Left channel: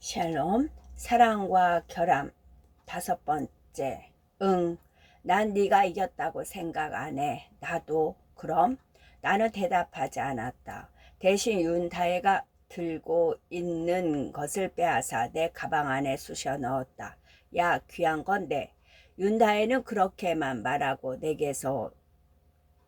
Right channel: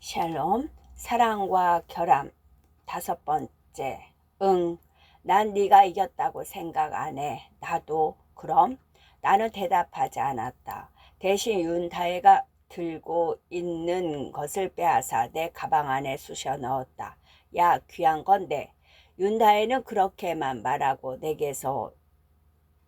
샬롬, 사랑과 결함. 5번째. 난 네가 이겼다고 생각 안 해. 나도. 그럼? 나는 대답하지 않았다. 대신 윤다혜가 들고 있는 것을 빼앗아 내 가방 안에 쑤셔 넣었다. 야, 귀한 건데. 윤다혜는 그렇게만 말하고 내게서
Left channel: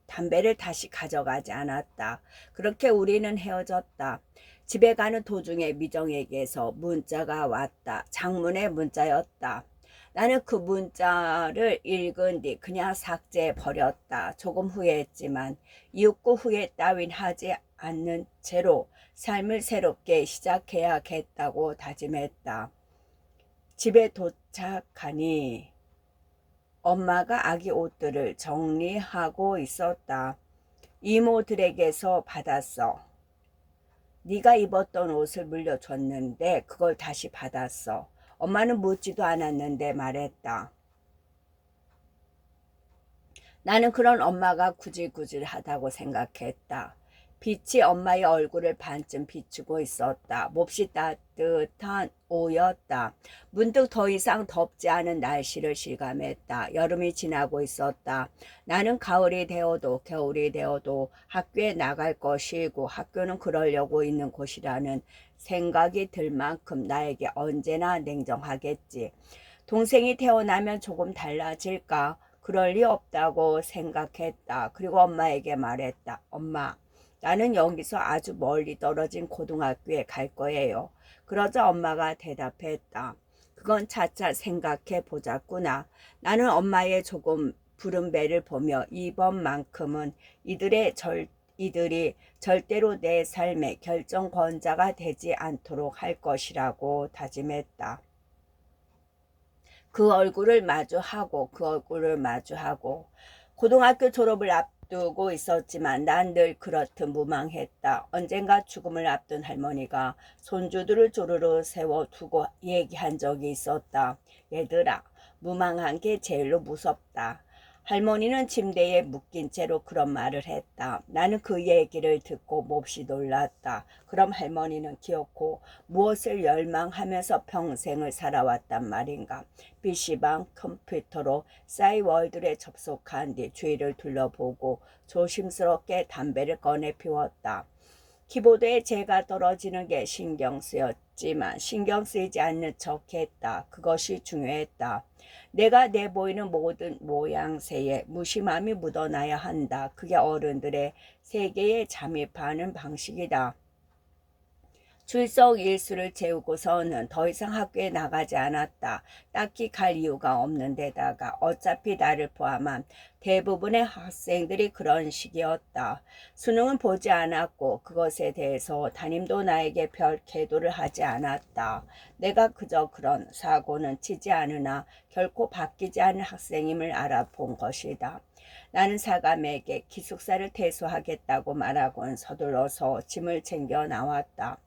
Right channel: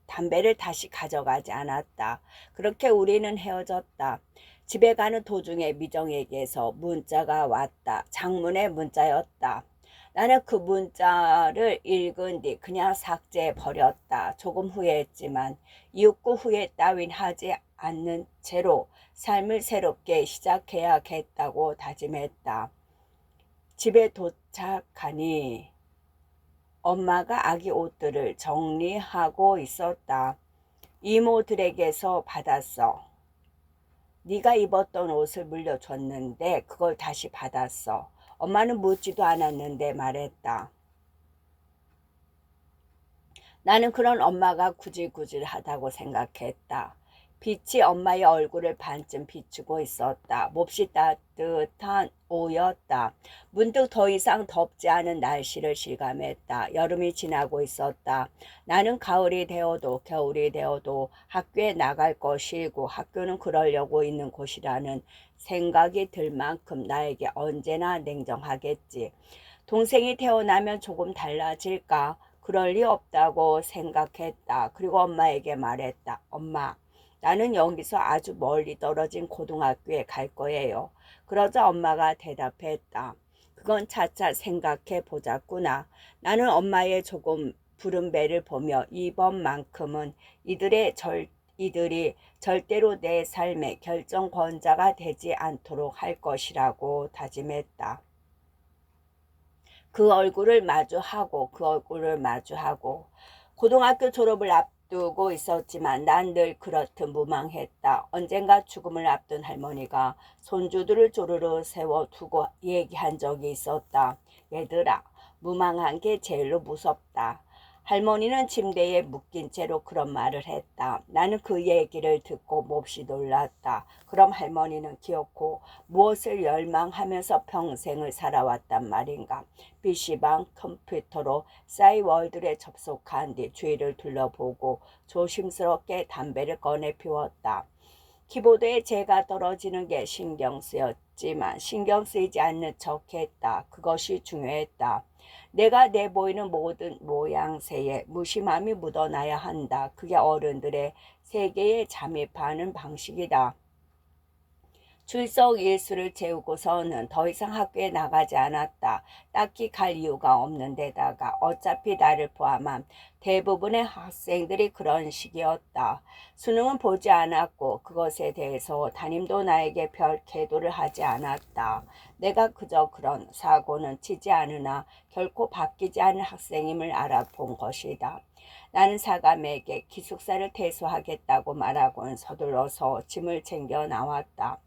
담배를 다시 가져가지 않았다. 그렇게 우리는 헤어졌다. 집에 가는 도중에 미정에게서 문자가 왔다. 장문의 문자였다. 나는 그 문자를 읽은 뒤 그냥 삭제해 버렸다. 조금 후회했지만 이윽고 후회 따윈 하지 않는 채로 삶을 새롭게 시작해야겠다고 다짐했다. 집에 도착하니 엄마가 아기 옷들을 정리하고 있었다. 이모들에게서 받았어. 네가 입었던 옷을 물려줬는데 그걸 다시 받았어. 엄마는 묻지도 않았는데 말했다. 나는 그런 엄마가 구질구질하다고 생각했다. 빛이 엄마의 얼굴을 반쯤 비추고 있었다. 몹시 따뜻한 오후였다. 문득 더 이상 덥지 않은 날씨를 실감했다. 여름이 지나고 있었다. 나는 가을이 되어도 겨울이 되어도 학교에 나갈 것이고 학교는 그러려고 있는 곳이라는 생각이 들 만큼 나에게 언제나 냉정하겠지. 동생이 태어나면 조금 달라질까? 그럴 리 없다고 생각했다. 그리고 엄마에게 말했다. 엄마, 나는 여기서 아주 멀리 떨어진 고등학교에 갈 거예요. 그러자 엄마가 대답했다. 그건 차차 생각해 보자꾸나. 나는 엄마의 조금 부른 배를 보며 이번만큼은 이들이 절대로 내 삶의 결정권자가 되지 않도록 할 것이라고 다짐했다. 그 얼굴을 마주하고 고등학교 졸업을 앞두고 있었지만 난 늘 그렇듯 무망했다. 언젠가 죽음을 앞둔 할머니가 손주들을 조르르 세워두고 얘기한 적이 있었다. 얘들아, 무망한 게 제일로 무섭다. 할머니는 침대에 묶인 채로 그런 말을 했다. 나는 그 얘기를 듣고 몹시 놀랐다. 그럼 할머니는 기어코 무엇을 열망하면서 평생을 살아왔단 말인가. PC방 컴퓨터로 싸이월드에 접속한 뒤 주위를 둘러보고 조심스럽게 담배를 꺼내 피웠다. 키보드에 재가 떨어지는 게 신경 쓰였지만 신경 쓰이지 않는 척했다. 그것이 중요했다. 내가 내보이는 모든 모양새에 무심함이 묻어나야 한다. 그게 어른들의 세계에 잠입하는 방식이다. 출석 일수를 채우고서는 더 이상 학교에 나가지 않았다. 딱히 갈 이유가 없는 데다가 어차피 나를 포함한 대부분의 학생들이 그런 식이었다. 수능은 보지 않았고 그것에 대해서 담임도 나에게 별 계도를 하지 않았다. 내가 그저 그런 사고는 치지 않으나 결코 바뀌지 않을 학생임을 알아본 것이다. 나는 사감에게 기숙사를 퇴소하겠다고 말하고는 서둘러서 짐을 챙겨 나왔다.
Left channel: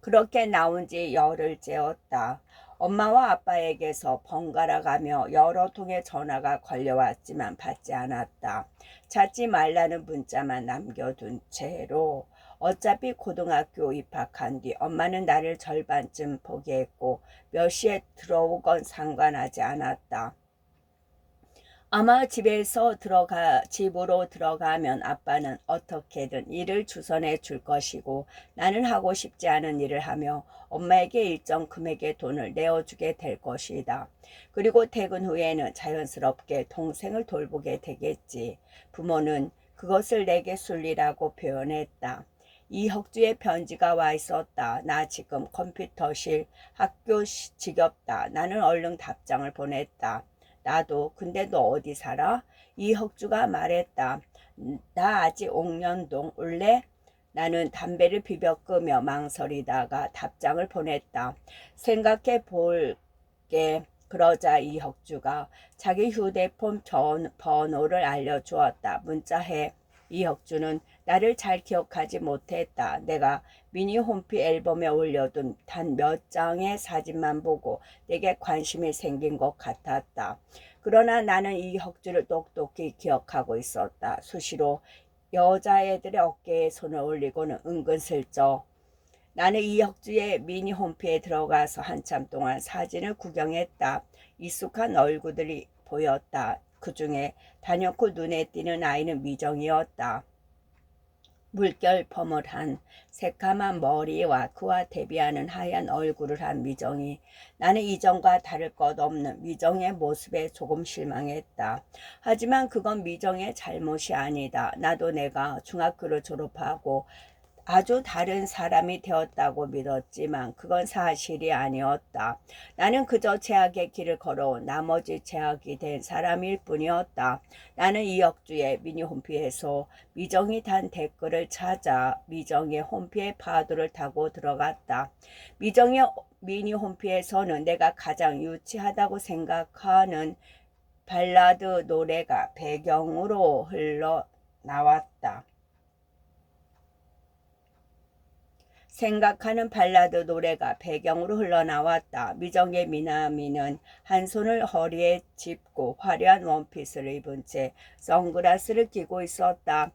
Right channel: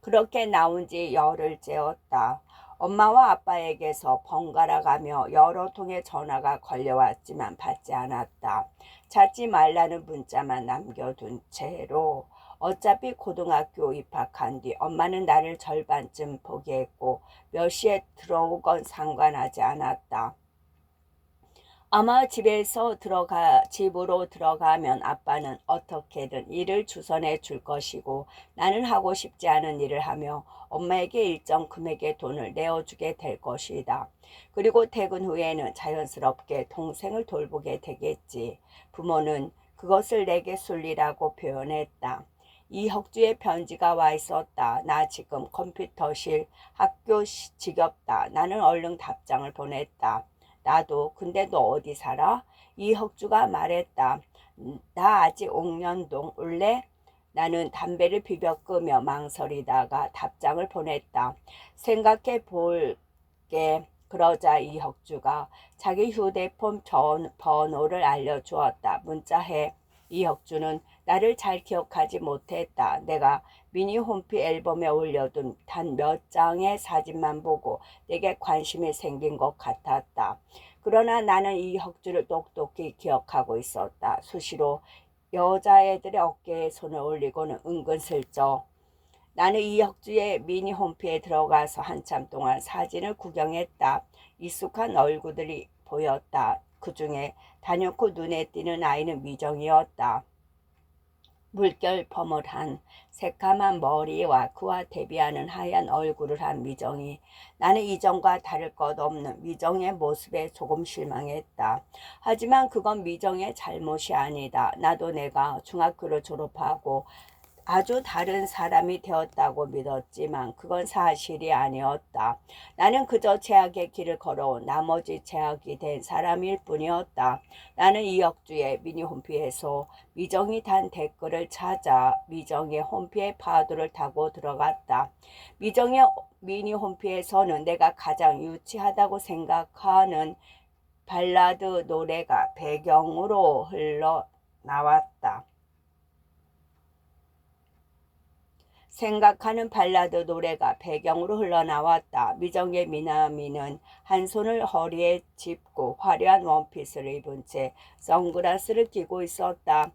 그렇게 나온 지 열흘 째였다. 엄마와 아빠에게서 번갈아 가며 여러 통의 전화가 걸려왔지만 받지 않았다. 찾지 말라는 문자만 남겨둔 채로 어차피 고등학교 입학한 뒤 엄마는 나를 절반쯤 포기했고 몇 시에 들어오건 상관하지 않았다. 아마 집으로 들어가면 아빠는 어떻게든 일을 주선해 줄 것이고 나는 하고 싶지 않은 일을 하며 엄마에게 일정 금액의 돈을 내어주게 될 것이다. 그리고 퇴근 후에는 자연스럽게 동생을 돌보게 되겠지. 부모는 그것을 내게 순리라고 표현했다. 이혁주의 편지가 와 있었다. 나 지금 컴퓨터실 학교 지겹다. 나는 얼른 답장을 보냈다. 나도. 근데 너 어디 살아? 이혁주가 말했다. 나 아직 옥년동 올래? 나는 담배를 비벼 끄며 망설이다가 답장을 보냈다. 생각해 볼게. 그러자 이혁주가 자기 휴대폰 번호를 알려주었다. 문자해. 이혁주는 나를 잘 기억하지 못했다. 내가 미니 홈피 앨범에 올려둔 단 몇 장의 사진만 보고 내게 관심이 생긴 것 같았다. 그러나 나는 이혁주를 똑똑히 기억하고 있었다. 수시로 여자애들의 어깨에 손을 올리고는 은근슬쩍 나는 이혁주의 미니 홈피에 들어가서 한참 동안 사진을 구경했다. 익숙한 얼굴들이 보였다. 그 중에 단연코 눈에 띄는 아이는 미정이었다. 물결 버물한 새까만 머리와 그와 대비하는 하얀 얼굴을 한 미정이, 나는 이전과 다를 것 없는 미정의 모습에 조금 실망했다. 하지만 그건 미정의 잘못이 아니다. 나도 내가 중학교를 졸업하고 아주 다른 사람이 되었다고 믿었지만 그건 사실이 아니었다. 나는 그저 제약의 길을 걸어온 나머지 제약이 된 사람일 뿐이었다. 나는 이혁주의 미니 홈피에서 미정이 단 댓글을 찾아 미정의 홈피의 파도를 타고 들어갔다. 미정의 미니 홈피에서는 내가 가장 유치하다고 생각하는 발라드 노래가 배경으로 흘러나왔다. 생각하는 발라드 노래가 배경으로 흘러나왔다. 미정의 미나미는 한 손을 허리에 짚고 화려한 원피스를 입은 채 선글라스를 끼고 있었다.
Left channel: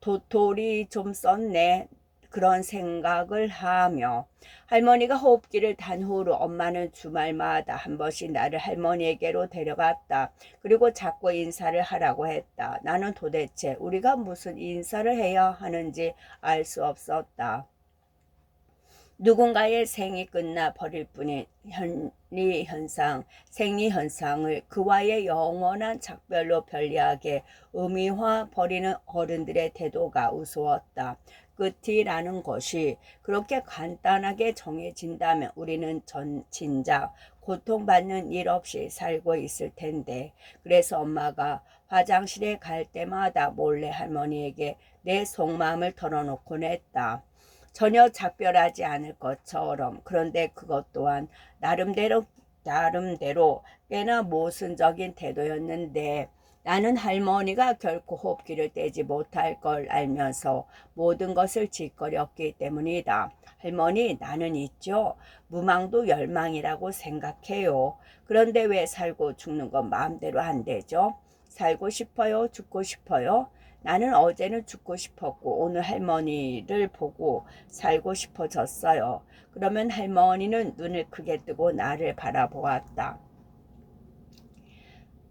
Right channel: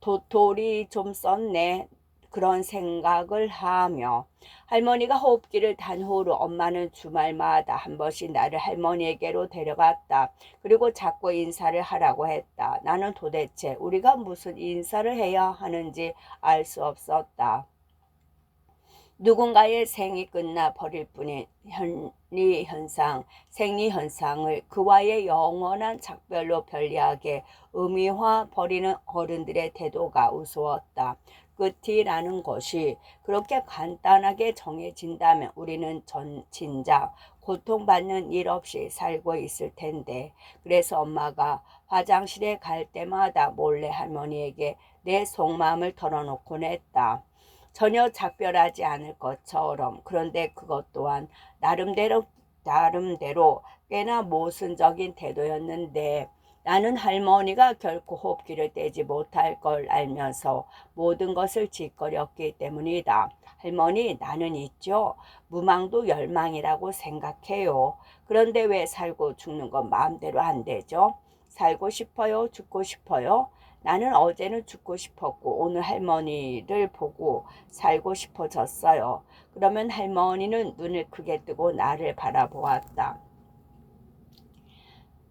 도토리 좀 썼네. 그런 생각을 하며 할머니가 호흡기를 단 후로 엄마는 주말마다 한 번씩 나를 할머니에게로 데려갔다. 그리고 자꾸 인사를 하라고 했다. 나는 도대체 우리가 무슨 인사를 해야 하는지 알 수 없었다. 누군가의 생이 끝나 버릴 뿐인 생리현상을 그와의 영원한 작별로 편리하게 의미화 버리는 어른들의 태도가 우스웠다. 끝이라는 것이 그렇게 간단하게 정해진다면 우리는 진작 고통받는 일 없이 살고 있을 텐데. 그래서 엄마가 화장실에 갈 때마다 몰래 할머니에게 내 속마음을 털어놓곤 했다. 전혀 작별하지 않을 것처럼. 그런데 그것 또한 나름대로 꽤나 모순적인 태도였는데, 나는 할머니가 결코 호흡기를 떼지 못할 걸 알면서 모든 것을 짓거렸기 때문이다. 할머니, 나는 있죠. 무망도 열망이라고 생각해요. 그런데 왜 살고 죽는 건 마음대로 안 되죠? 살고 싶어요? 죽고 싶어요? 나는 어제는 죽고 싶었고 오늘 할머니를 보고 살고 싶어졌어요. 그러면 할머니는 눈을 크게 뜨고 나를 바라보았다.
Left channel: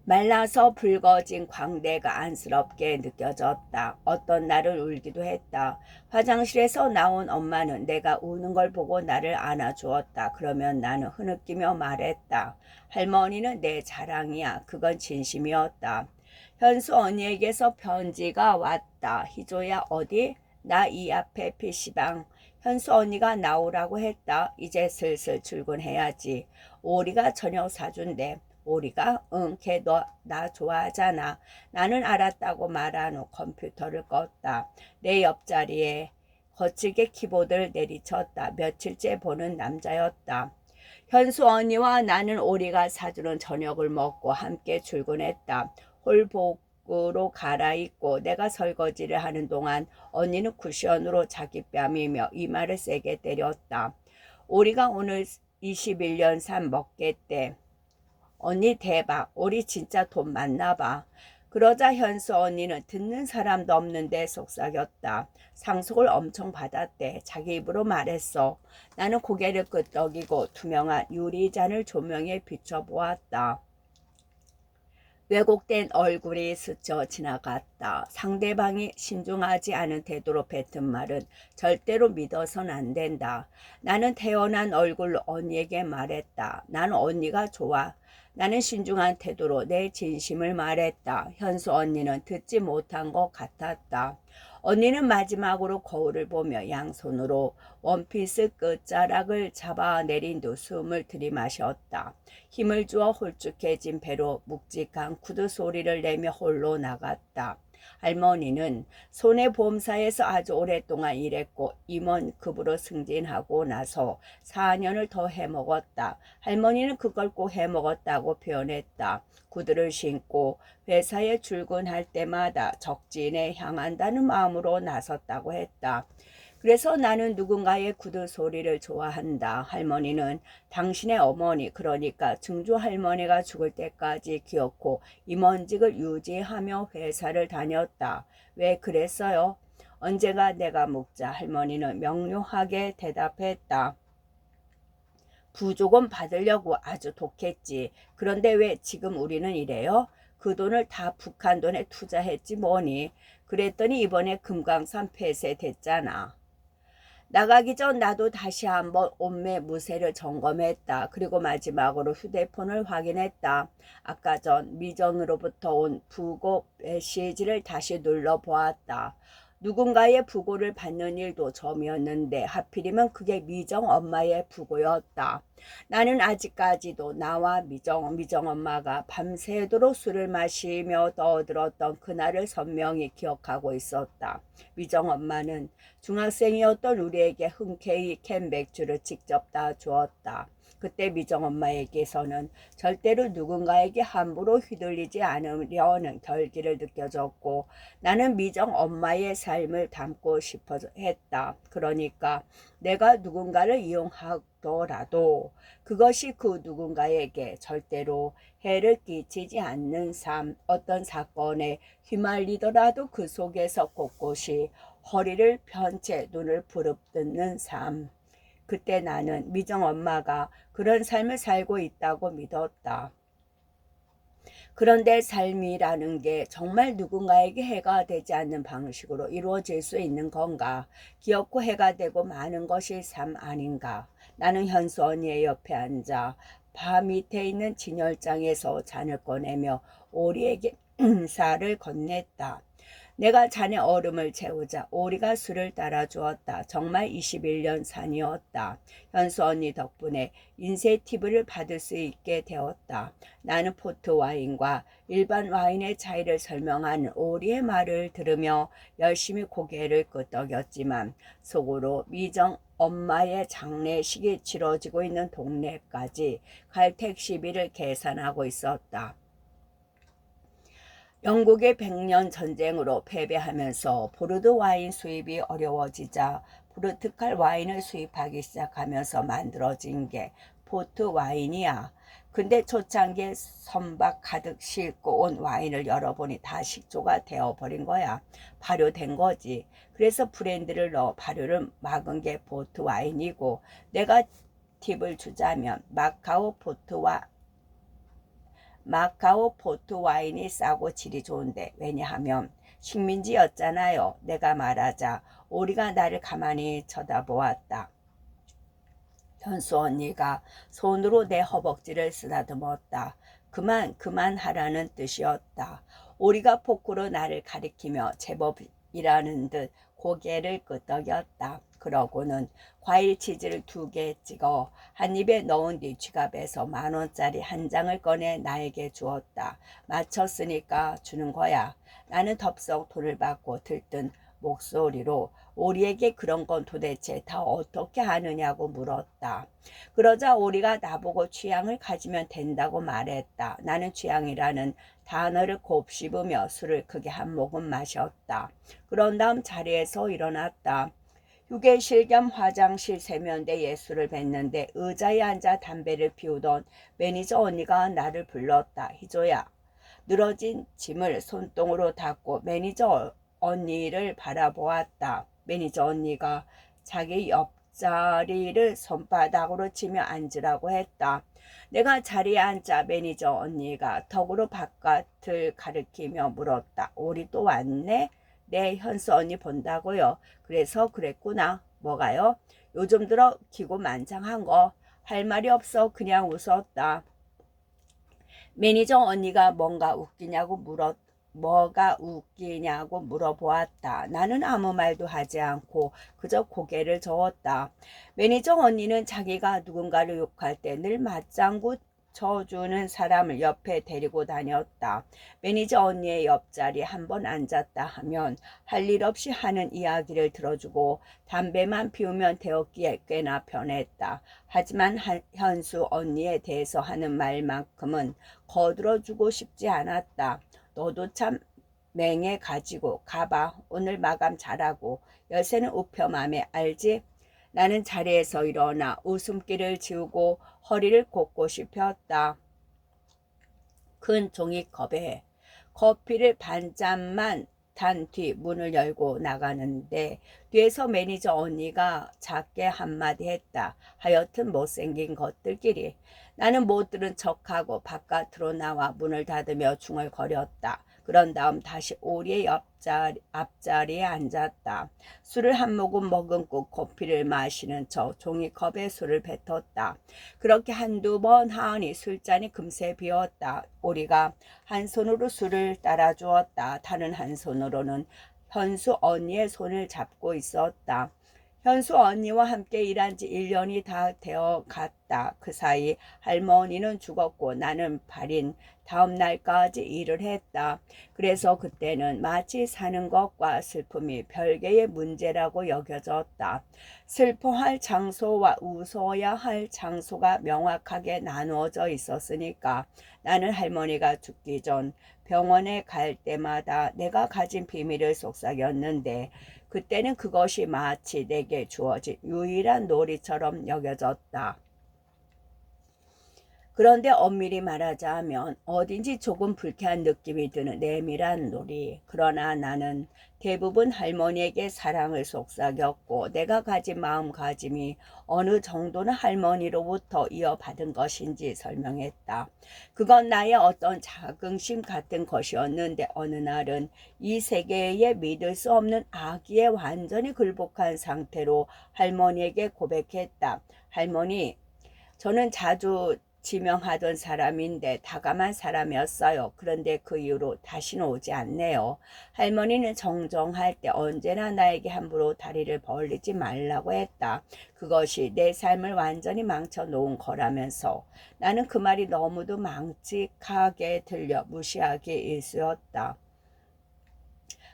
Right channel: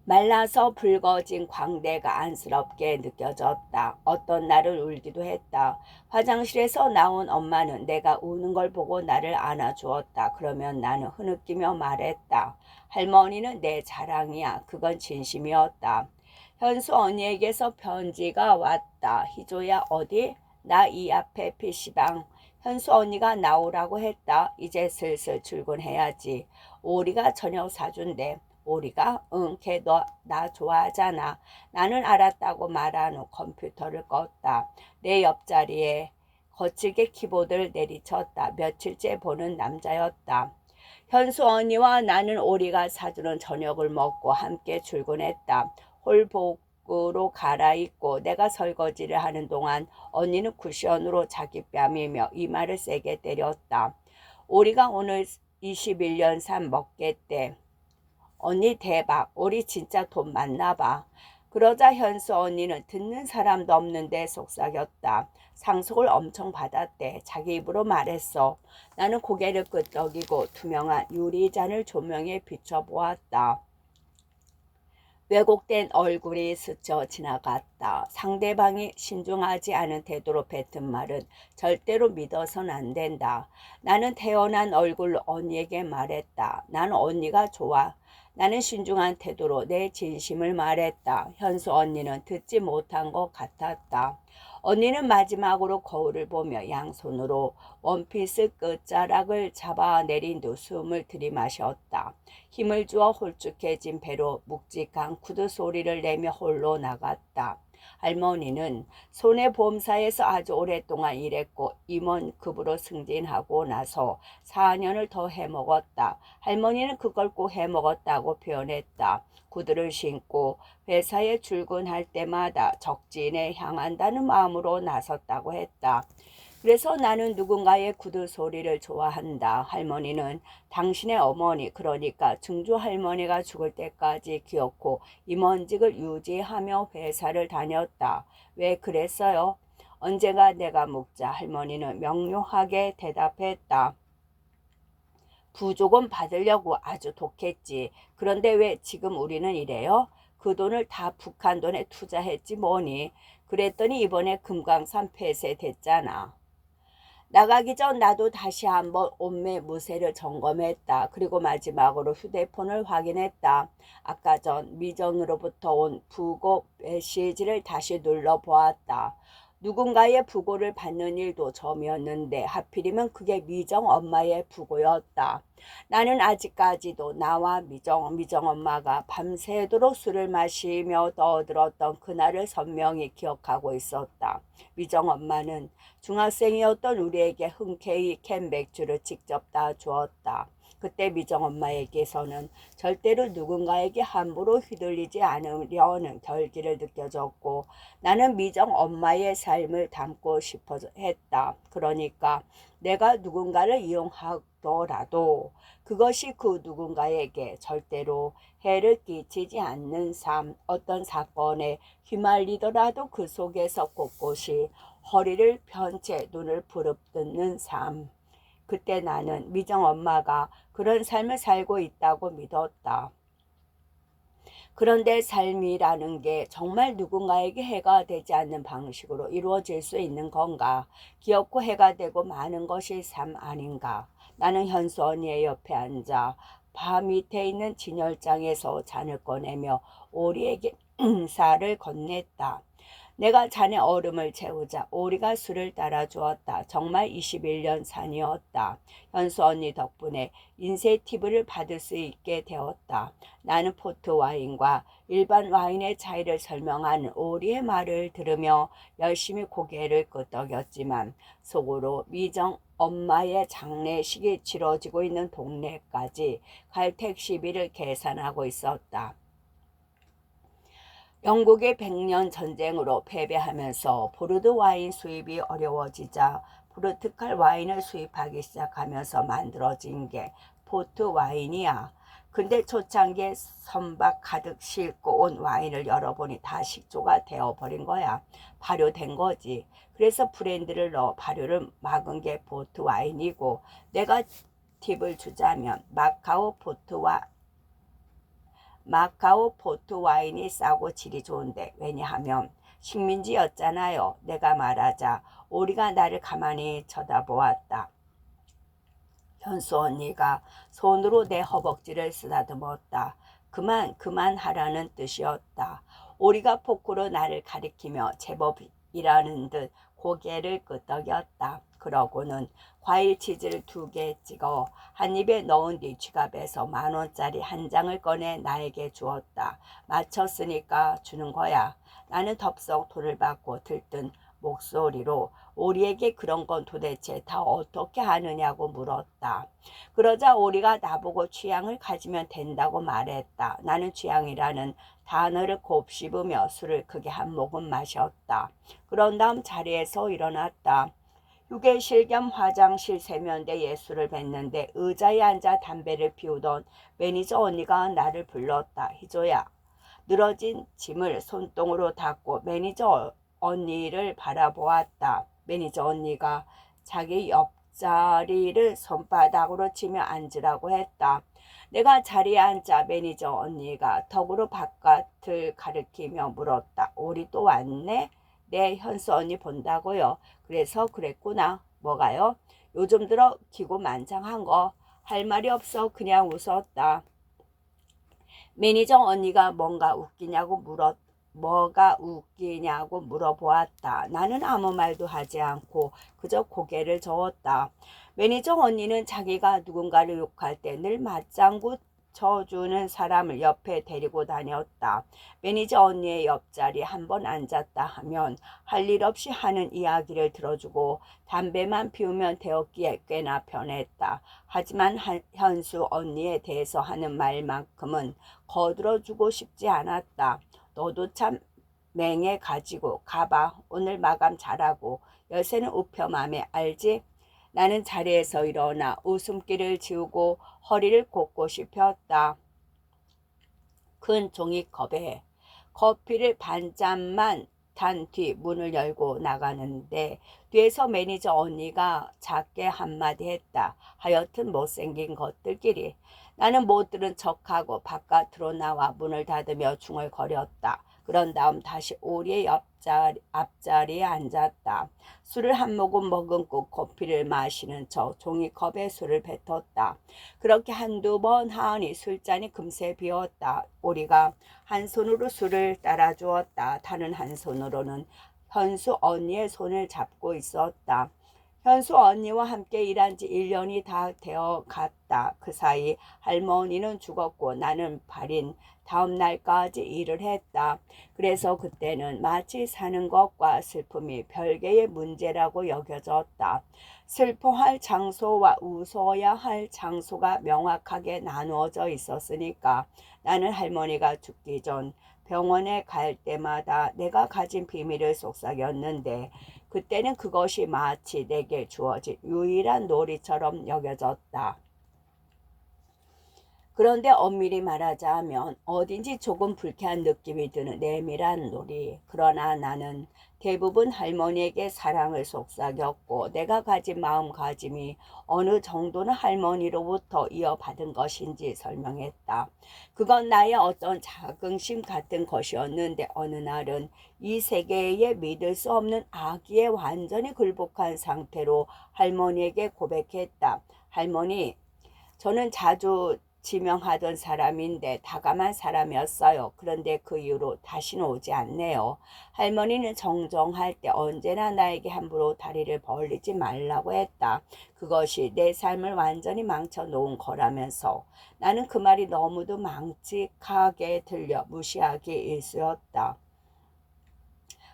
말라서 붉어진 광대가 안쓰럽게 느껴졌다. 어떤 날을 울기도 했다. 화장실에서 나온 엄마는 내가 우는 걸 보고 나를 안아주었다. 그러면 나는 흐느끼며 말했다. 할머니는 내 자랑이야. 그건 진심이었다. 현수 언니에게서 편지가 왔다. 희조야 어디? 나 이 앞에 PC방. 현수 언니가 나오라고 했다. 이제 슬슬 출근해야지. 오리가 저녁 사준대. 오리가? 응, 걔 나 좋아하잖아. 나는 알았다고 말한 후 컴퓨터를 껐다. 내 옆자리에 거칠게 키보드를 내리쳤다. 며칠째 보는 남자였다. 현수 언니와 나는 오리가 사주는 저녁을 먹고 함께 출근했다. 홀복으로 갈아입고 내가 설거지를 하는 동안 언니는 쿠션으로 자기 뺨이며 이마를 세게 때렸다. 오리가 오늘 21년 산 먹겠대. 언니 대박. 오리 진짜 돈 많나 봐. 그러자 현수 언니는 듣는 사람도 없는데 속삭였다. 상속을 엄청 받았대. 자기 입으로 말했어. 나는 고개를 끄덕이고 투명한 유리잔을 조명에 비춰보았다. 왜곡된 얼굴이 스쳐 지나갔다. 상대방이 신중하지 않은 태도로 뱉은 말은 절대로 믿어선 안 된다. 나는 태어난 얼굴로 언니에게 말했다. 나는 언니가 좋아. 나는 신중한 태도로 내 진심을 말했다. 현수 언니는 듣지 못한 것 같았다. 언니는 마지막으로 거울을 보며 양손으로 원피스 끝자락을 잡아내린 두 숨을 들이마셨다. 힘을 주어 홀쭉해진 배로 묵직한 구두 소리를 내며 홀로 나갔다. 할머니는 손해보험사에서 아주 오랫동안 일했고 임원급으로 승진하고 나서 4년을 더 해먹었다. 할머니는 그걸 꼭 해먹었다고 표현했다. 구두를 신고 회사에 출근할 때마다 적진에 향한다는 마음으로 나섰다고 했다. 그래서 나는 누군가의 구두 소리를 좋아한다. 할머니는 당신의 어머니, 그러니까 증조 할머니가 죽을 때까지 기어코 임원직을 유지하며 회사를 다녔다. 왜 그랬어요? 언젠가 내가 묻자 할머니는 명료하게 대답했다. 부조금 받으려고 아주 독했지. 그런데 왜 지금 우리는 이래요? 그 돈을 다 북한 돈에 투자했지 뭐니. 그랬더니 이번에 금강산 폐쇄됐잖아. 나가기 전 나도 다시 한번 온매 무세를 점검했다. 그리고 마지막으로 휴대폰을 확인했다. 아까 전 미정으로부터 온 부고 메시지를 다시 눌러보았다. 누군가의 부고를 받는 일도 처음이었는데 하필이면 그게 미정 엄마의 부고였다. 나는 아직까지도 나와 미정 엄마가 밤새도록 술을 마시며 떠들었던 그날을 선명히 기억하고 있었다. 미정 엄마는 중학생이었던 우리에게 흔쾌히 캔 맥주를 직접 다 주었다. 그때 미정 엄마에게서는 절대로 누군가에게 함부로 휘둘리지 않으려는 결기를 느껴졌고 나는 미정 엄마의 삶을 담고 싶어 했다. 그러니까 내가 누군가를 이용하더라도 그것이 그 누군가에게 절대로 해를 끼치지 않는 삶, 어떤 사건에 휘말리더라도 그 속에서 꼿꼿이 허리를 편 채 눈을 부릅뜨는 삶. 그때 나는 미정 엄마가 그런 삶을 살고 있다고 믿었다. 그런데 삶이라는 게 정말 누군가에게 해가 되지 않는 방식으로 이루어질 수 있는 건가? 귀엽고 해가 되고 많은 것이 삶 아닌가? 나는 현수 언니의 옆에 앉아 바 밑에 있는 진열장에서 잔을 꺼내며 오리에게 인사를 건넸다. 내가 잔에 얼음을 채우자 오리가 술을 따라주었다. 정말 21년 산이었다. 현수 언니 덕분에 인쇄 팁을 받을 수 있게 되었다. 나는 포트 와인과 일반 와인의 차이를 설명하는 오리의 말을 들으며 열심히 고개를 끄덕였지만 속으로 미정 엄마의 장례식이 치러지고 있는 동네까지 갈 택시비를 계산하고 있었다. 영국의 백년 전쟁으로 패배하면서 포르드 와인 수입이 어려워지자 포르투갈 와인을 수입하기 시작하면서 만들어진 게 포트 와인이야. 근데 초창기에 선박 가득 싣고 온 와인을 열어보니 다 식초가 되어버린 거야. 발효된 거지. 그래서 브랜드를 넣어 발효를 막은 게 포트 와인이고 내가 팁을 주자면 마카오 포트 와인이 싸고 질이 좋은데 왜냐하면 식민지였잖아요. 내가 말하자 오리가 나를 가만히 쳐다보았다. 현수 언니가 손으로 내 허벅지를 쓰다듬었다. 그만하라는 뜻이었다. 오리가 포크로 나를 가리키며 제법이라는 듯 고개를 끄덕였다. 그러고는 과일 치즈를 2개 찍어 한 입에 넣은 뒤 지갑에서 10,000원짜리 한 장을 꺼내 나에게 주었다. 맞췄으니까 주는 거야. 나는 덥석 돈을 받고 들뜬 목소리로 오리에게 그런 건 도대체 다 어떻게 하느냐고 물었다. 그러자 오리가 나보고 취향을 가지면 된다고 말했다. 나는 취향이라는 단어를 곱씹으며 술을 크게 한 모금 마셨다. 그런 다음 자리에서 일어났다. 휴게실 겸 화장실 세면대에 술을 뱉는데 의자에 앉아 담배를 피우던 매니저 언니가 나를 불렀다. 희조야. 늘어진 짐을 손등으로 닦고 매니저 언니를 바라보았다. 매니저 언니가 자기 옆자리를 손바닥으로 치며 앉으라고 했다. 내가 자리에 앉자 매니저 언니가 턱으로 바깥을 가리키며 물었다. 우리 또 왔네? 네, 현수 언니 본다고요. 그래서 그랬구나. 뭐가요? 요즘 들어 기고만장한 거. 할 말이 없어 그냥 웃었다. 매니저 언니가 뭐가 웃기냐고 물어보았다. 나는 아무 말도 하지 않고 그저 고개를 저었다. 매니저 언니는 자기가 누군가를 욕할 때 늘 맞장구 쳐주는 사람을 옆에 데리고 다녔다. 매니저 언니의 옆자리 한 번 앉았다 하면 할 일 없이 하는 이야기를 들어주고 담배만 피우면 되었기에 꽤나 편했다. 하지만 현수 언니에 대해서 하는 말만큼은 거들어주고 싶지 않았다. 너도 참 맹해 가지고 가봐. 오늘 마감 잘하고 열쇠는 우표 맘에 알지? 나는 자리에서 일어나 웃음기를 지우고 허리를 꼿꼿이 폈다. 큰 종이컵에 커피를 반 잔만 못한 뒤 문을 열고 나가는데 뒤에서 매니저 언니가 작게 한마디 했다. 하여튼 못생긴 것들끼리. 나는 못 들은 척하고 바깥으로 나와 문을 닫으며 중얼거렸다. 그런 다음 다시 오리의 앞자리에 앉았다. 술을 한 모금 머금고 커피를 마시는 척 종이컵에 술을 뱉었다. 그렇게 한두 번 하니 술잔이 금세 비었다. 오리가 한 손으로 술을 따라주었다. 다른 한 손으로는 현수 언니의 손을 잡고 있었다. 현수 언니와 함께 일한 지 1년이 다 되어 갔다. 그 사이 할머니는 죽었고 나는 발인 다음 날까지 일을 했다. 그래서 그때는 마치 사는 것과 슬픔이 별개의 문제라고 여겨졌다. 슬퍼할 장소와 웃어야 할 장소가 명확하게 나누어져 있었으니까 나는 할머니가 죽기 전 병원에 갈 때마다 내가 가진 비밀을 속삭였는데 그때는 그것이 마치 내게 주어진 유일한 놀이처럼 여겨졌다. 그런데 엄밀히 말하자면 어딘지 조금 불쾌한 느낌이 드는 내밀한 놀이. 그러나 나는 대부분 할머니에게 사랑을 속삭였고 내가 가진 마음가짐이 어느 정도는 할머니로부터 이어받은 것인지 설명했다. 그건 나의 어떤 자긍심 같은 것이었는데 어느 날은 이 세계에 믿을 수 없는 아기에 완전히 굴복한 상태로 할머니에게 고백했다. 할머니, 저는 자주 지명하던 사람인데 다감한 사람이었어요. 그런데 그 이후로 다시는 오지 않네요. 할머니는 정정할 때 언제나 나에게 함부로 다리를 벌리지 말라고 했다. 그것이 내 삶을 완전히 망쳐놓은 거라면서 나는 그 말이 너무도 망측하게 들려 무시하기 일쑤였다.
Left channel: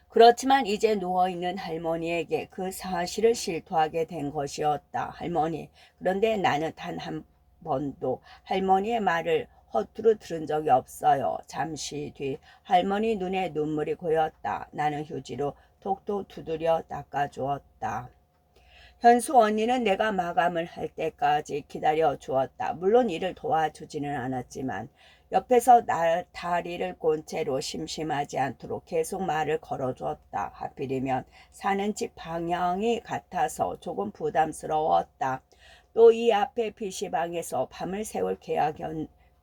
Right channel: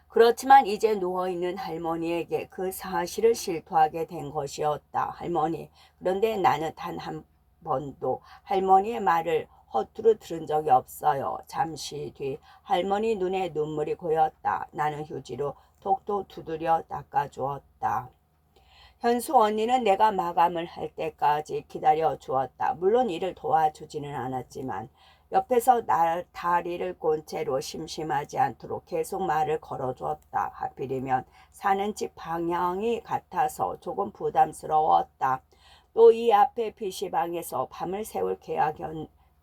그렇지만 이제 누워있는 할머니에게 그 사실을 실토하게 된 것이었다. 할머니, 그런데 나는 단 한 번도 할머니의 말을 허투루 들은 적이 없어요. 잠시 뒤 할머니 눈에 눈물이 고였다. 나는 휴지로 톡톡 두드려 닦아주었다. 현수 언니는 내가 마감을 할 때까지 기다려 주었다. 물론 일을 도와주지는 않았지만 옆에서 다리를 꼰 채로 심심하지 않도록 계속 말을 걸어주었다. 하필이면 사는 집 방향이 같아서 조금 부담스러웠다. 또 이 앞에 PC방에서 밤을 새울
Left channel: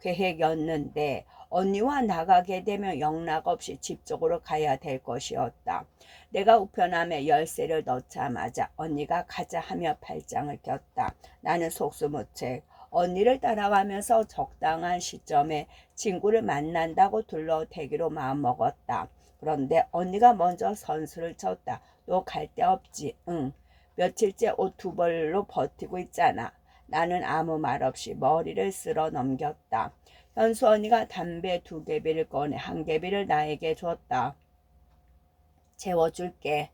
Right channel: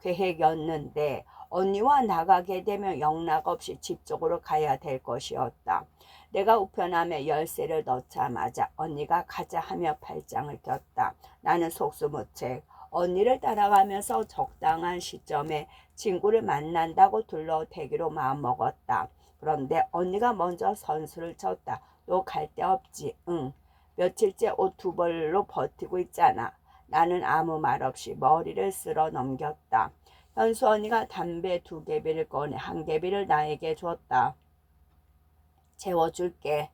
계획이었는데 언니와 나가게 되면 영락없이 집 쪽으로 가야 될 것이었다. 내가 우편함에 열쇠를 넣자마자 언니가 가자 하며 팔짱을 꼈다. 나는 속수무책 언니를 따라가면서 적당한 시점에 친구를 만난다고 둘러대기로 마음먹었다. 그런데 언니가 먼저 선수를 쳤다. 너 갈 데 없지? 응. 며칠째 옷 두 벌로 버티고 있잖아. 나는 아무 말 없이 머리를 쓸어 넘겼다. 현수 언니가 담배 2개비를 꺼내 1개비를 나에게 줬다. 채워줄게.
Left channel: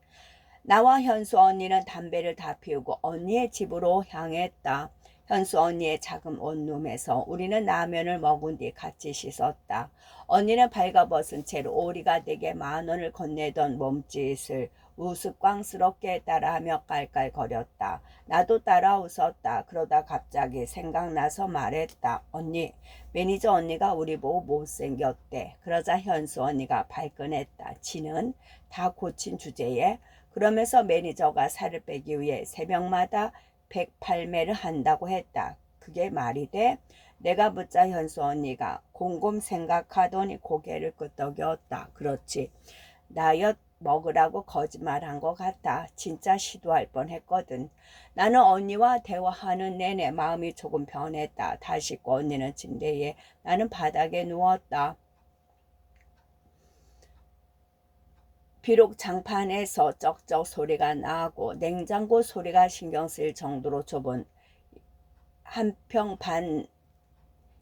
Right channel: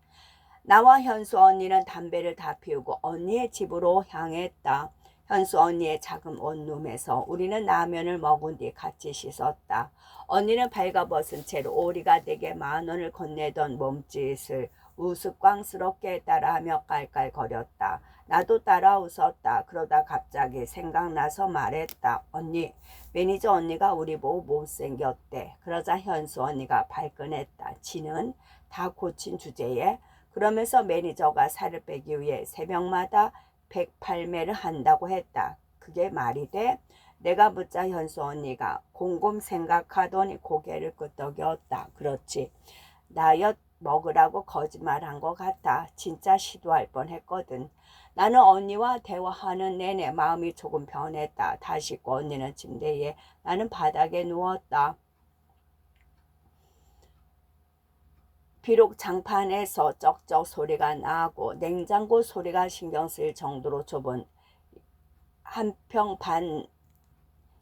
나와 현수 언니는 담배를 다 피우고 언니의 집으로 향했다. 현수 언니의 작은 원룸에서 우리는 라면을 먹은 뒤 같이 씻었다. 언니는 발가벗은 채로 오리가 내게 10,000원을 건네던 몸짓을 우스꽝스럽게 따라하며 깔깔거렸다. 나도 따라 웃었다. 그러다 갑자기 생각나서 말했다. 언니, 매니저 언니가 우리 보고 못생겼대. 그러자 현수 언니가 발끈했다. 지는 다 고친 주제에 그러면서 매니저가 살을 빼기 위해 새벽마다 108매를 한다고 했다. 그게 말이 돼? 내가 묻자 현수 언니가 곰곰 생각하더니 고개를 끄덕였다. 그렇지. 다이어트 먹으라고 거짓말한 것 같아. 진짜 시도할 뻔했거든. 나는 언니와 대화하는 내내 마음이 조금 변했다. 다 씻고 언니는 침대에 나는 바닥에 누웠다. 비록 장판에서 쩍쩍 소리가 나고 냉장고 소리가 신경 쓰일 정도로 좁은 한 평 반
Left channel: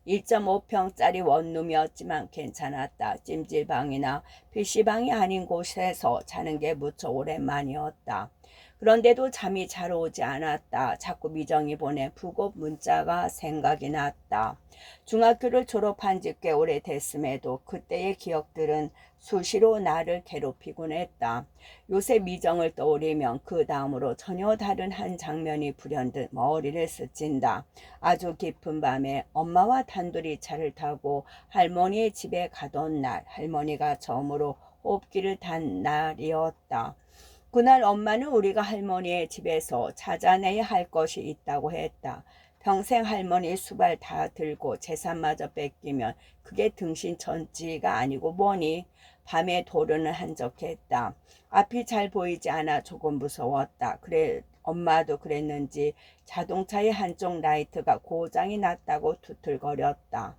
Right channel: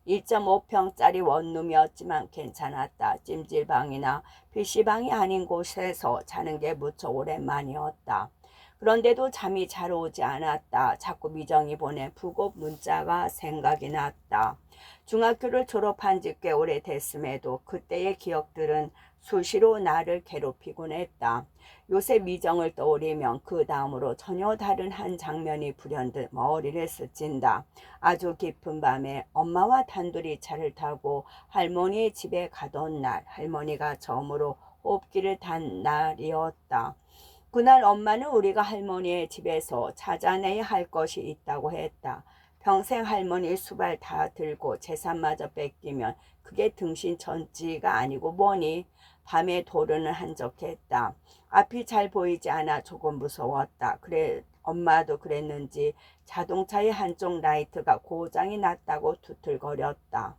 1.5평짜리 원룸이었지만 괜찮았다. 찜질방이나 PC방이 아닌 곳에서 자는 게 무척 오랜만이었다. 그런데도 잠이 잘 오지 않았다. 자꾸 미정이 보낸 부고 문자가 생각이 났다. 중학교를 졸업한 지 꽤 오래됐음에도 그때의 기억들은 수시로 나를 괴롭히곤 했다. 요새 미정을 떠올리면 그 다음으로 전혀 다른 한 장면이 불현듯 머리를 스친다. 아주 깊은 밤에 엄마와 단둘이 차를 타고 할머니의 집에 가던 날 할머니가 처음으로 호흡기를 단 날이었다. 그날 엄마는 우리가 할머니의 집에서 찾아내야 할 것이 있다고 했다. 평생 할머니 수발 다 들고 재산마저 뺏기면 그게 등신천지가 아니고 뭐니? 밤에 도르는 한적했다. 앞이 잘 보이지 않아 조금 무서웠다. 그래 엄마도 그랬는지 자동차의 한쪽 라이트가 고장이 났다고 투틀거렸다.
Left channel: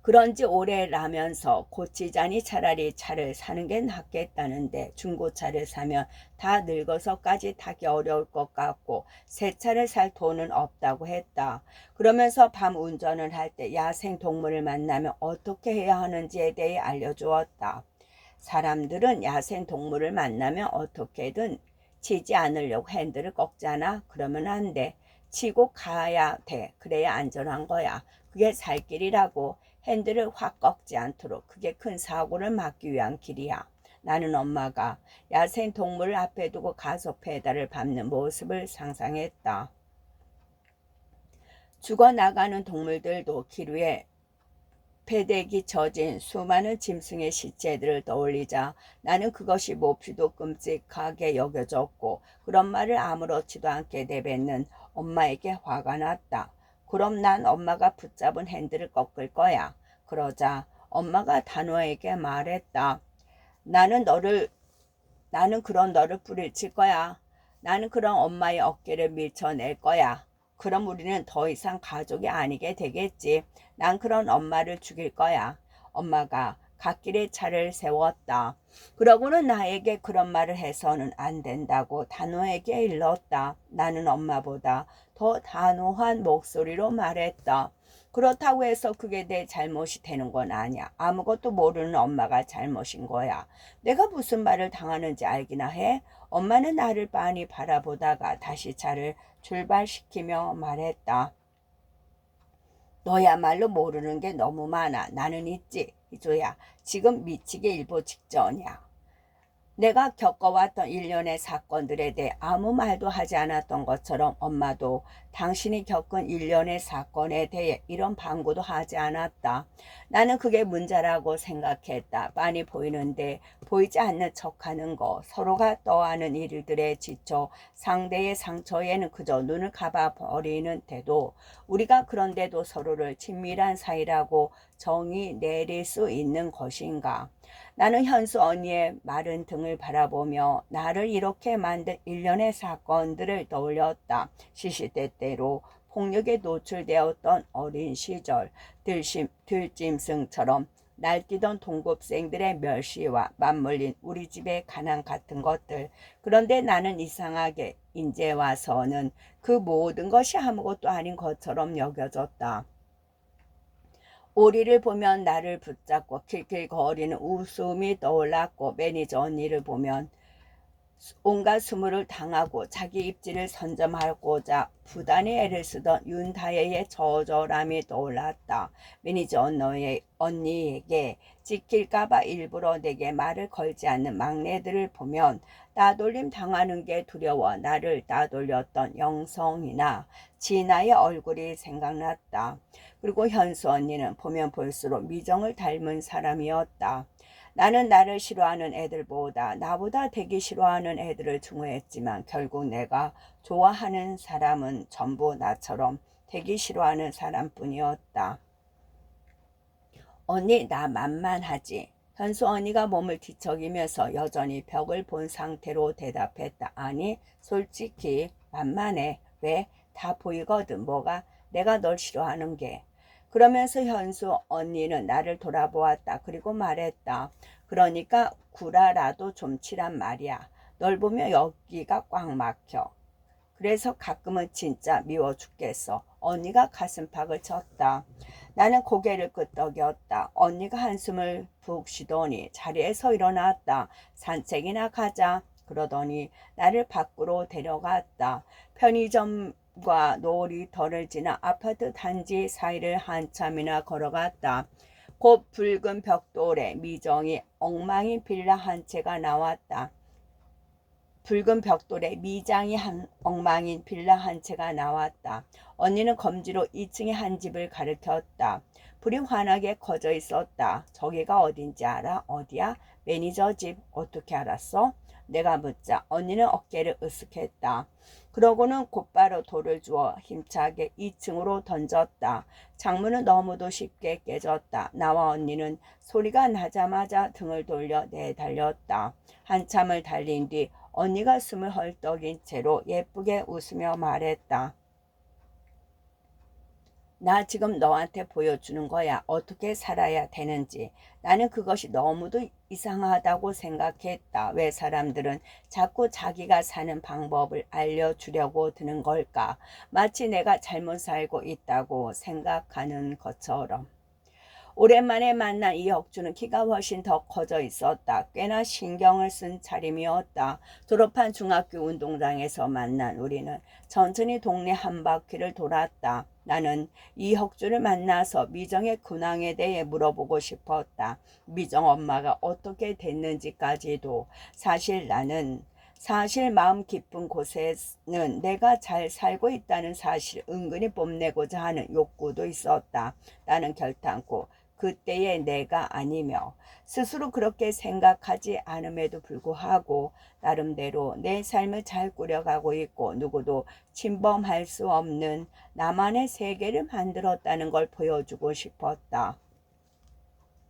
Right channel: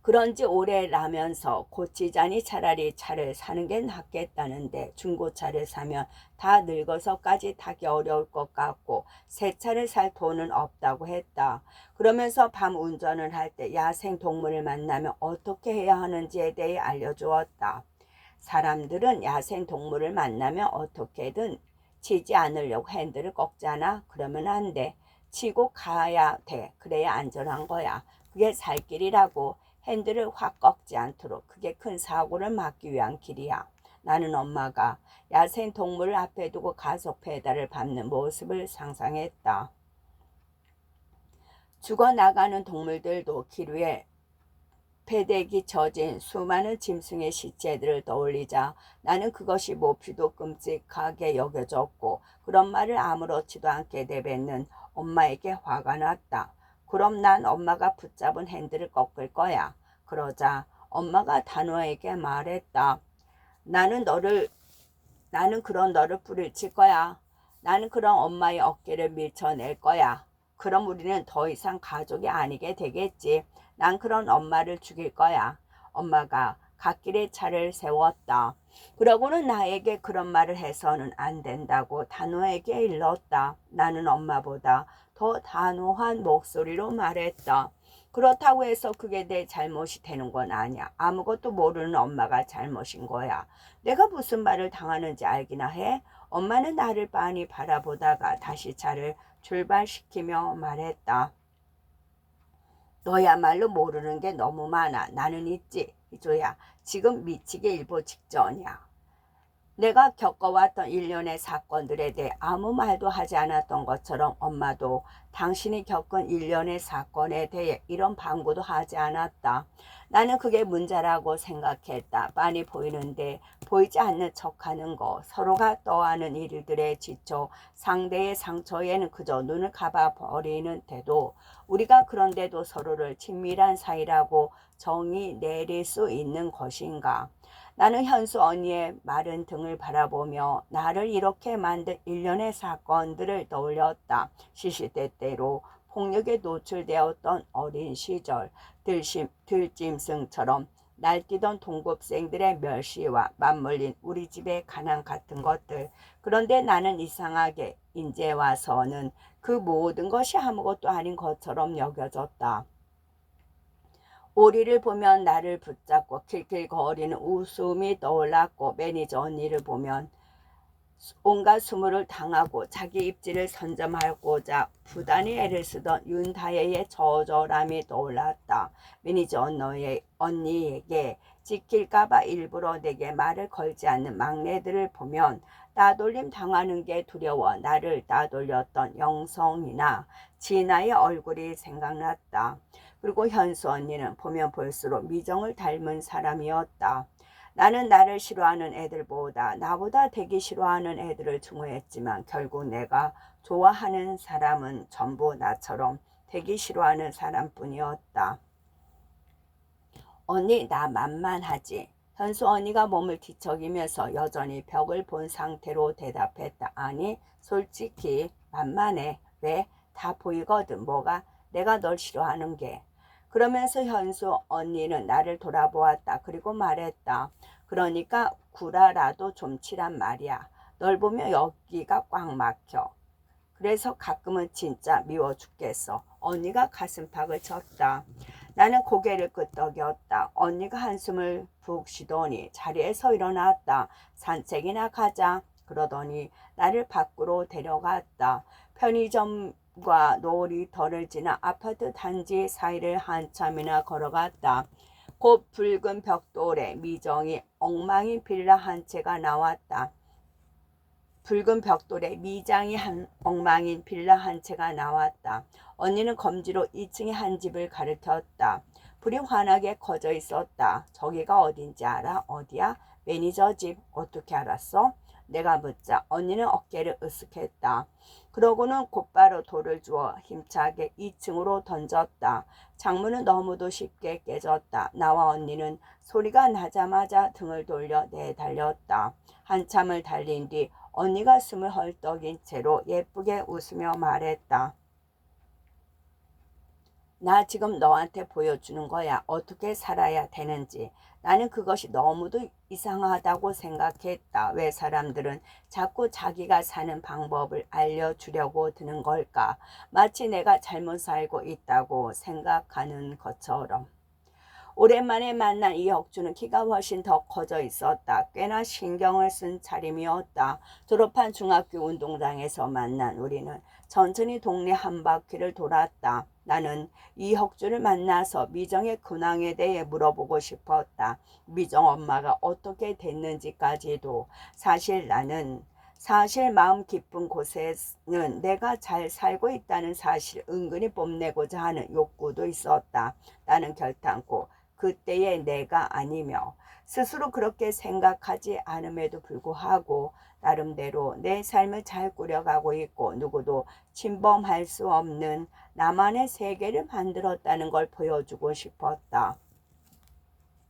그런지 오래라면서 고치자니 차라리 차를 사는 게 낫겠다는데 중고차를 사면 다 늙어서까지 타기 어려울 것 같고 새 차를 살 돈은 없다고 했다. 그러면서 밤 운전을 할 때 야생 동물을 만나면 어떻게 해야 하는지에 대해 알려주었다. 사람들은 야생 동물을 만나면 어떻게든 치지 않으려고 핸들을 꺾잖아. 그러면 안 돼. 치고 가야 돼. 그래야 안전한 거야. 그게 살 길이라고. 핸들을 확 꺾지 않도록. 그게 큰 사고를 막기 위한 길이야. 나는 엄마가 야생 동물을 앞에 두고 가속 페달을 밟는 모습을 상상했다. 죽어나가는 동물들도 길 위에 패대기 젖은 수많은 짐승의 시체들을 떠올리자 나는 그것이 몹시도 끔찍하게 여겨졌고 그런 말을 아무렇지도 않게 내뱉는 엄마에게 화가 났다. 그럼 난 엄마가 붙잡은 핸들을 꺾을 거야. 그러자 엄마가 단호하게 말했다. 나는 그런 너를 뿌리칠 거야. 나는 그런 엄마의 어깨를 밀쳐낼 거야. 그럼 우리는 더 이상 가족이 아니게 되겠지. 난 그런 엄마를 죽일 거야. 엄마가 갓길에 차를 세웠다. 그러고는 나에게 그런 말을 해서는 안 된다고 단호하게 일렀다. 나는 엄마보다 더 단호한 목소리로 말했다. 그렇다고 해서 그게 내 잘못이 되는 건 아니야. 아무것도 모르는 엄마가 잘못인 거야. 내가 무슨 말을 당하는지 알기나 해? 엄마는 나를 빤히 바라보다가 다시 차를 출발시키며 말했다. 너야말로 모르는 게 너무 많아. 나는 있지. 이조야, 지금 미치기 일보 직전이야. 내가 겪어왔던 일련의 사건들에 대해 아무 말도 하지 않았던 것처럼 엄마도 당신이 겪은 일련의 사건에 대해 이런 방구도 하지 않았다. 나는 그게 문제라고 생각했다. 빤히 보이는데 보이지 않는 척하는 거, 서로가 떠하는 일들에 지쳐 상대의 상처에는 그저 눈을 감아버리는 태도, 우리가 그런데도 서로를 친밀한 사이라고 정의 내릴 수 있는 것인가. 나는 현수 언니의 마른 등을 바라보며 나를 이렇게 만든 일련의 사건들을 떠올렸다. 시시때때로 폭력에 노출되었던 어린 시절, 들짐승처럼 날뛰던 동급생들의 멸시와 맞물린 우리 집의 가난 같은 것들. 그런데 나는 이상하게 이제 와서는 그 모든 것이 아무것도 아닌 것처럼 여겨졌다. 오리를 보면 나를 붙잡고 킬킬거리는 웃음이 떠올랐고 매니저 언니를 보면 온갖 수모를 당하고 자기 입지를 선점하고자 부단히 애를 쓰던 윤다혜의 저절함이 떠올랐다. 매니저 언니에게 지킬까봐 일부러 내게 말을 걸지 않는 막내들을 보면 따돌림 당하는 게 두려워 나를 따돌렸던 영성이나 진아의 얼굴이 생각났다. 그리고 현수 언니는 보면 볼수록 미정을 닮은 사람이었다. 나는 나를 싫어하는 애들보다 나보다 되게 싫어하는 애들을 증오했지만 결국 내가 좋아하는 사람은 전부 나처럼 되게 싫어하는 사람뿐이었다. 언니 나 만만하지? 현수 언니가 몸을 뒤척이면서 여전히 벽을 본 상태로 대답했다. 아니 솔직히 만만해. 왜? 다 보이거든. 뭐가? 내가 널 싫어하는 게. 그러면서 현수 언니는 나를 돌아보았다. 그리고 말했다. 그러니까 구라라도 좀 치란 말이야. 널 보면 여기가 꽉 막혀. 그래서 가끔은 진짜 미워 죽겠어. 언니가 가슴팍을 쳤다. 나는 고개를 끄덕였다. 언니가 한숨을 푹 쉬더니 자리에서 일어났다. 산책이나 가자. 그러더니 나를 밖으로 데려갔다. 편의점과 놀이터를 지나 아파트 단지 사이를 한참이나 걸어갔다. 곧 붉은 벽돌에 미정이 엉망인 빌라 한 채가 나왔다. 붉은 벽돌에 미장이 엉망인 빌라 한 채가 나왔다. 언니는 검지로 2층의 한 집을 가리켰다. 불이 환하게 커져 있었다. 저기가 어딘지 알아? 어디야? 매니저 집. 어떻게 알았어? 내가 묻자 언니는 어깨를 으쓱했다. 그러고는 곧바로 돌을 주어 힘차게 2층으로 던졌다. 창문은 너무도 쉽게 깨졌다. 나와 언니는 소리가 나자마자 등을 돌려 내달렸다. 한참을 달린 뒤 언니가 숨을 헐떡인 채로 예쁘게 웃으며 말했다. 나 지금 너한테 보여주는 거야. 어떻게 살아야 되는지. 나는 그것이 너무도 이상하다고 생각했다. 왜 사람들은 자꾸 자기가 사는 방법을 알려주려고 드는 걸까? 마치 내가 잘못 살고 있다고 생각하는 것처럼. 오랜만에 만난 이혁주는 키가 훨씬 더 커져 있었다. 꽤나 신경을 쓴 차림이었다. 졸업한 중학교 운동장에서 만난 우리는 천천히 동네 한 바퀴를 돌았다. 나는 이혁주를 만나서 미정의 근황에 대해 물어보고 싶었다. 미정 엄마가 어떻게 됐는지까지도. 사실 마음 깊은 곳에는 내가 잘 살고 있다는 사실 은근히 뽐내고자 하는 욕구도 있었다. 나는 결단코 그때의 내가 아니며 스스로 그렇게 생각하지 않음에도 불구하고 나름대로 내 삶을 잘 꾸려가고 있고 누구도 침범할 수 없는 나만의 세계를 만들었다는 걸 보여주고 싶었다.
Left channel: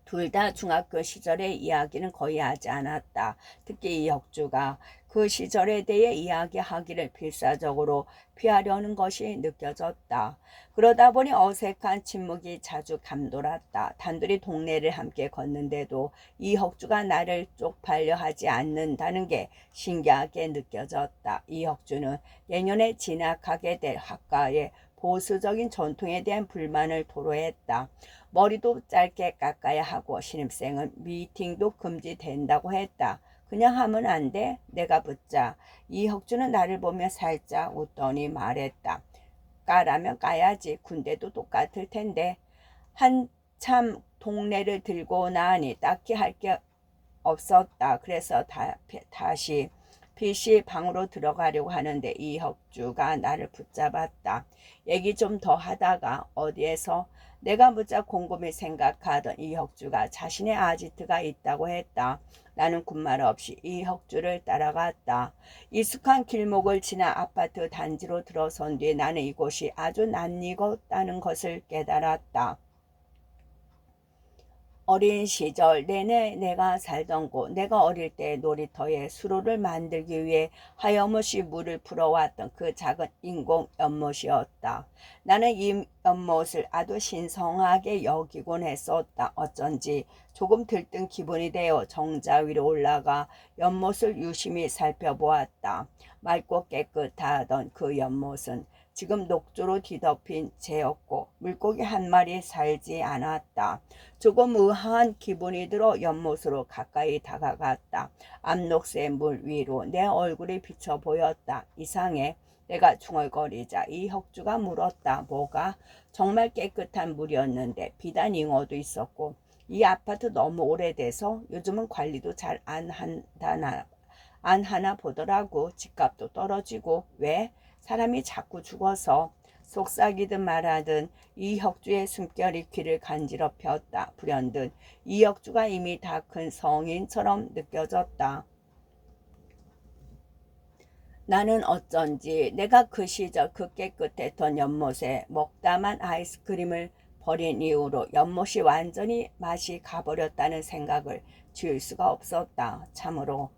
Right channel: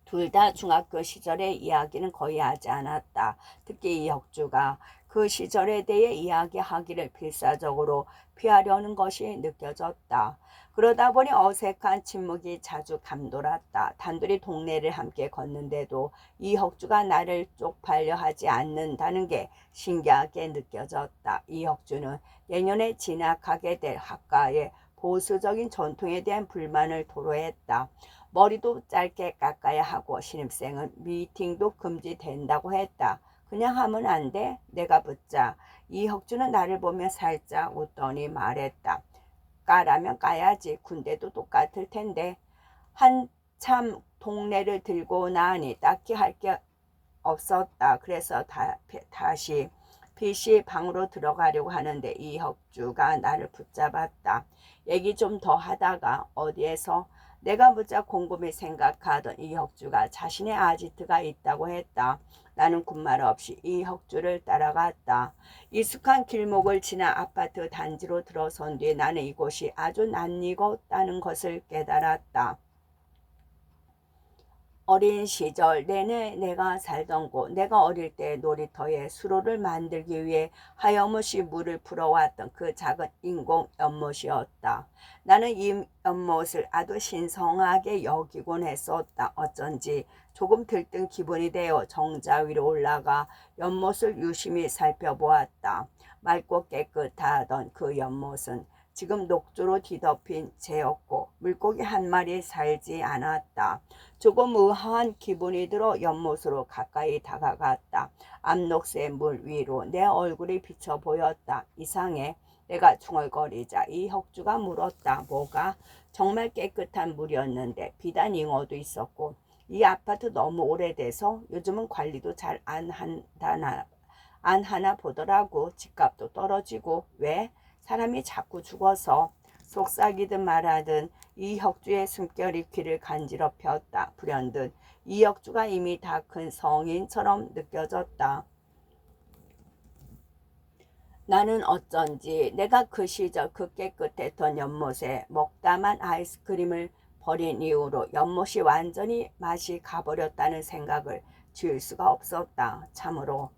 둘 다 중학교 시절의 이야기는 거의 하지 않았다. 특히 이혁주가 그 시절에 대해 이야기하기를 필사적으로 피하려는 것이 느껴졌다. 그러다 보니 어색한 침묵이 자주 감돌았다. 단둘이 동네를 함께 걷는데도 이혁주가 나를 쪽팔려 하지 않는다는 게 신기하게 느껴졌다. 이혁주는 내년에 진학하게 될 학과의 보수적인 전통에 대한 불만을 토로했다. 머리도 짧게 깎아야 하고 신입생은 미팅도 금지된다고 했다. 그냥 하면 안 돼? 내가 묻자 이혁주는 나를 보며 살짝 웃더니 말했다. 까라면 까야지. 군대도 똑같을 텐데. 한참 동네를 들고 나니 딱히 할 게 없었다. 그래서 다시 PC 방으로 들어가려고 하는데 이혁주가 나를 붙잡았다. 얘기 좀 더 하다가 어디에서 내가 무척 곰곰이 생각하던 이혁주가 자신의 아지트가 있다고 했다. 나는 군말 없이 이혁주를 따라갔다. 익숙한 길목을 지나 아파트 단지로 들어선 뒤 나는 이곳이 아주 낯익었다는 것을 깨달았다. 어린 시절 내내 내가 살던 곳, 내가 어릴 때 놀이터에 수로를 만들기 위해 하염없이 물을 풀어왔던 그 작은 인공 연못이었다. 나는 이 연못을 아주 신성하게 여기곤 했었다. 어쩐지 조금 들뜬 기분이 되어 정자 위로 올라가 연못을 유심히 살펴보았다. 맑고 깨끗하던 그 연못은 지금 녹조로 뒤덮인 재였고 물고기 한 마리 살지 않았다. 조금 의아한 기분이 들어 연못으로 가까이 다가갔다. 암록새 물 위로 내 얼굴이 비쳐 보였다. 이상해. 내가 중얼거리자 이혁주가 물었다. 뭐가? 정말 깨끗한 물이었는데 비단 잉어도 있었고 이 아파트 너무 오래돼서 요즘은 관리도 잘 안 하나 보더라고. 집값도 떨어지고. 왜? 사람이 자꾸 죽어서. 속삭이든 말하든 이혁주의 숨결이 귀를 간지럽혔다. 불현듯 이혁주가 이미 다 큰 성인처럼 느껴졌다. 나는 어쩐지 내가 그 시절 그 깨끗했던 연못에 먹다만 아이스크림을 버린 이후로 연못이 완전히 맛이 가버렸다는 생각을 지울 수가 없었다. 참으로